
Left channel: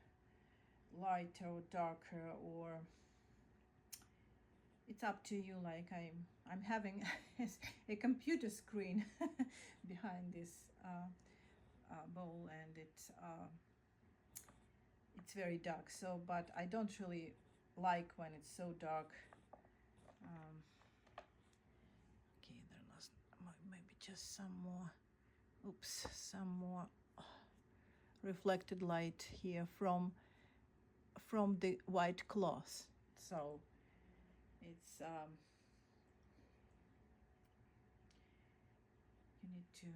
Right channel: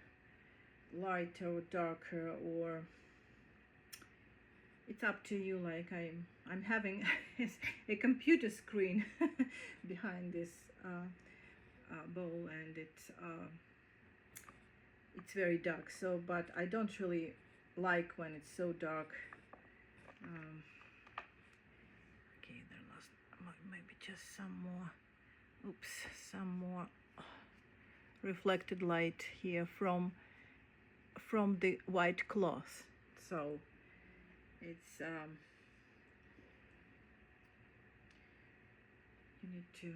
lighter or darker, or it's up to you. Like I'm having a computer screen behind this bowl, and it's very dark. So, but I don't really like when it's so dark. Okay, there must maybe just some more. Oops, some more reflected light here from the white cloth. So it's you need to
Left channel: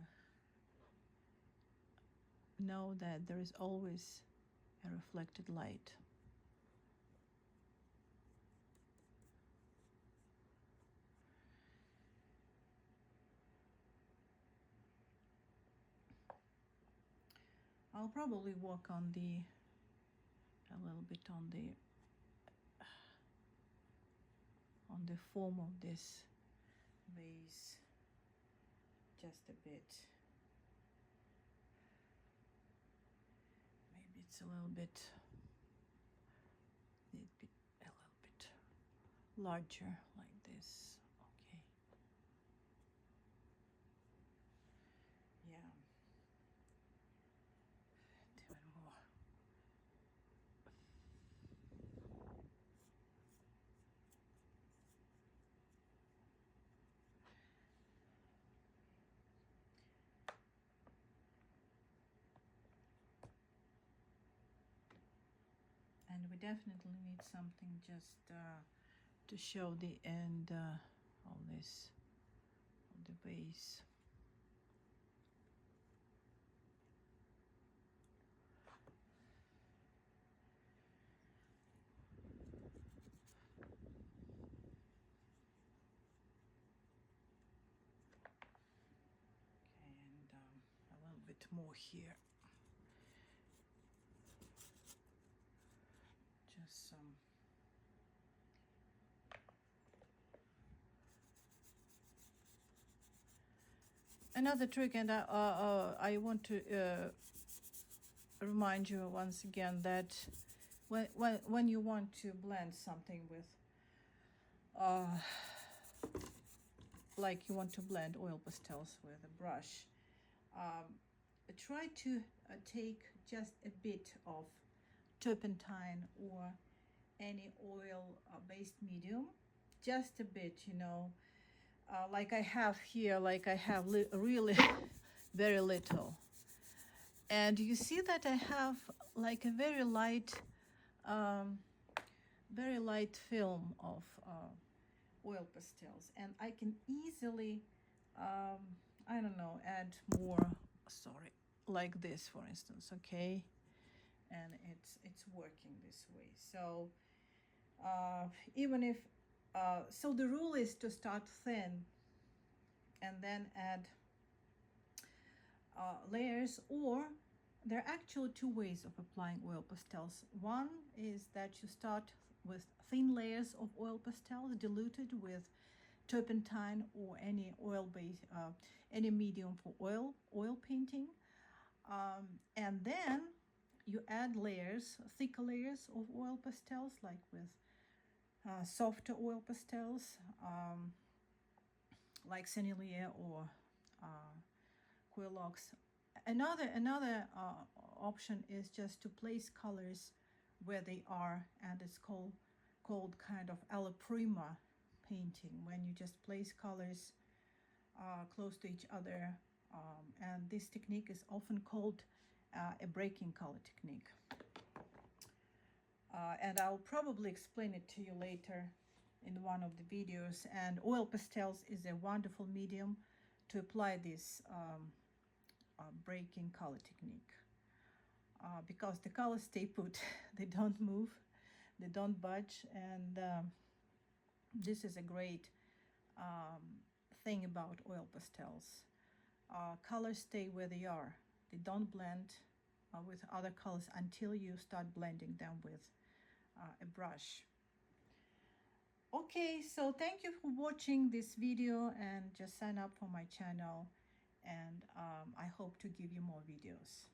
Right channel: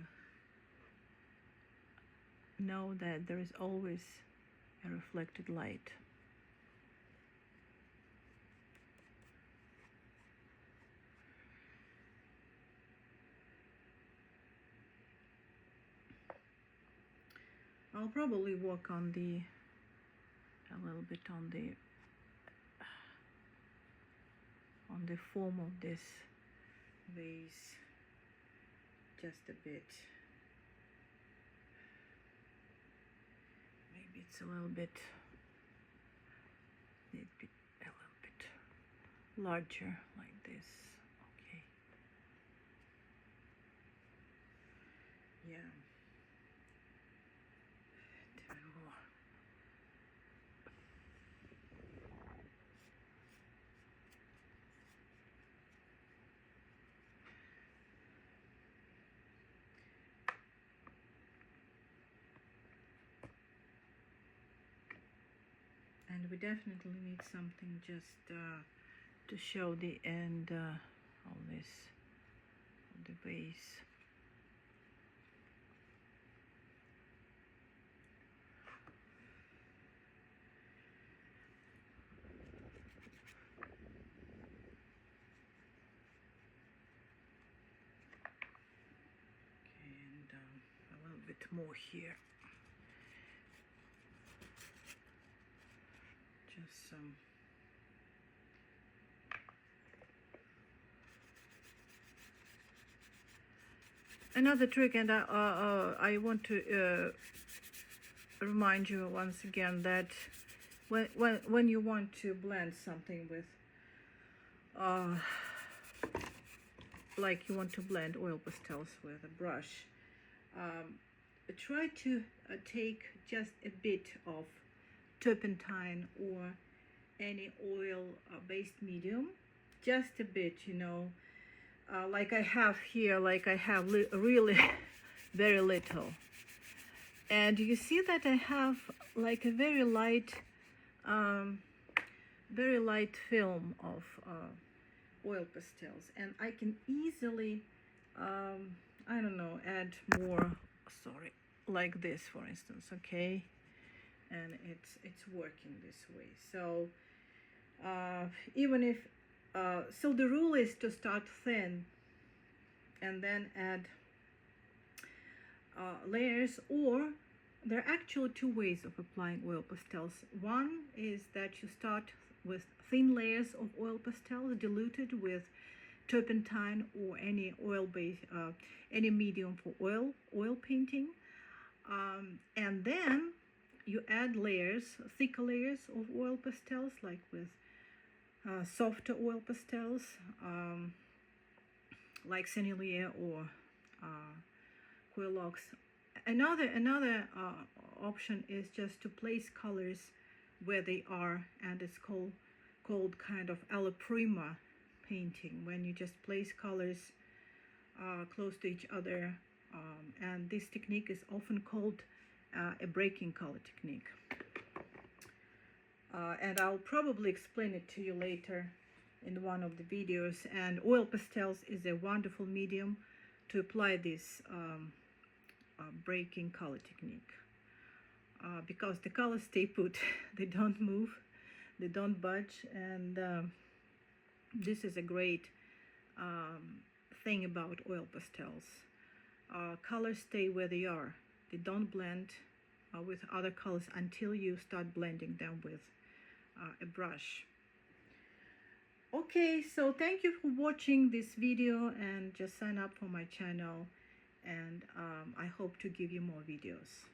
know that there is always a reflected light. I'll probably work on a little bit on the form of this vase, just a bit. Maybe it's a little bit larger like this. Okay. Yeah. And we definitely need something just to show the end of this, the base. Okay, and a little bit more here. Just some. Another trick, and I want to remind you once again that when you want to blend something with, like you want to blend oil pastels with a brush, try to take just a bit of turpentine or any oil-based medium, just a bit, you know. Like I have here, like I have really very little, and you see that I have like a very light film of oil pastels, and I can easily I don't know, add more, sorry, like this for instance. Okay, and it's working this way. So even if so the rule is to start thin and then add layers, or there are actually two ways of applying oil pastels. One is that you start with thin layers of oil pastels diluted with turpentine or any oil-based, any medium for oil painting, and then you add layers, thicker layers of oil pastels, like with softer oil pastels, like Sennelier or Quilox. Another option is just to place colors where they are, and it's called kind of alla prima painting, when you just place colors close to each other, and this technique is often called a breaking color technique. And I'll probably explain it to you later in one of the videos. And oil pastels is a wonderful medium to apply this breaking color technique, because the colors stay put. They don't move, they don't budge, and this is a great thing about oil pastels. Colors stay where they are. They don't blend with other colors until you start blending them with a brush. Okay, so thank you for watching this video, and just sign up for my channel, and I hope to give you more videos.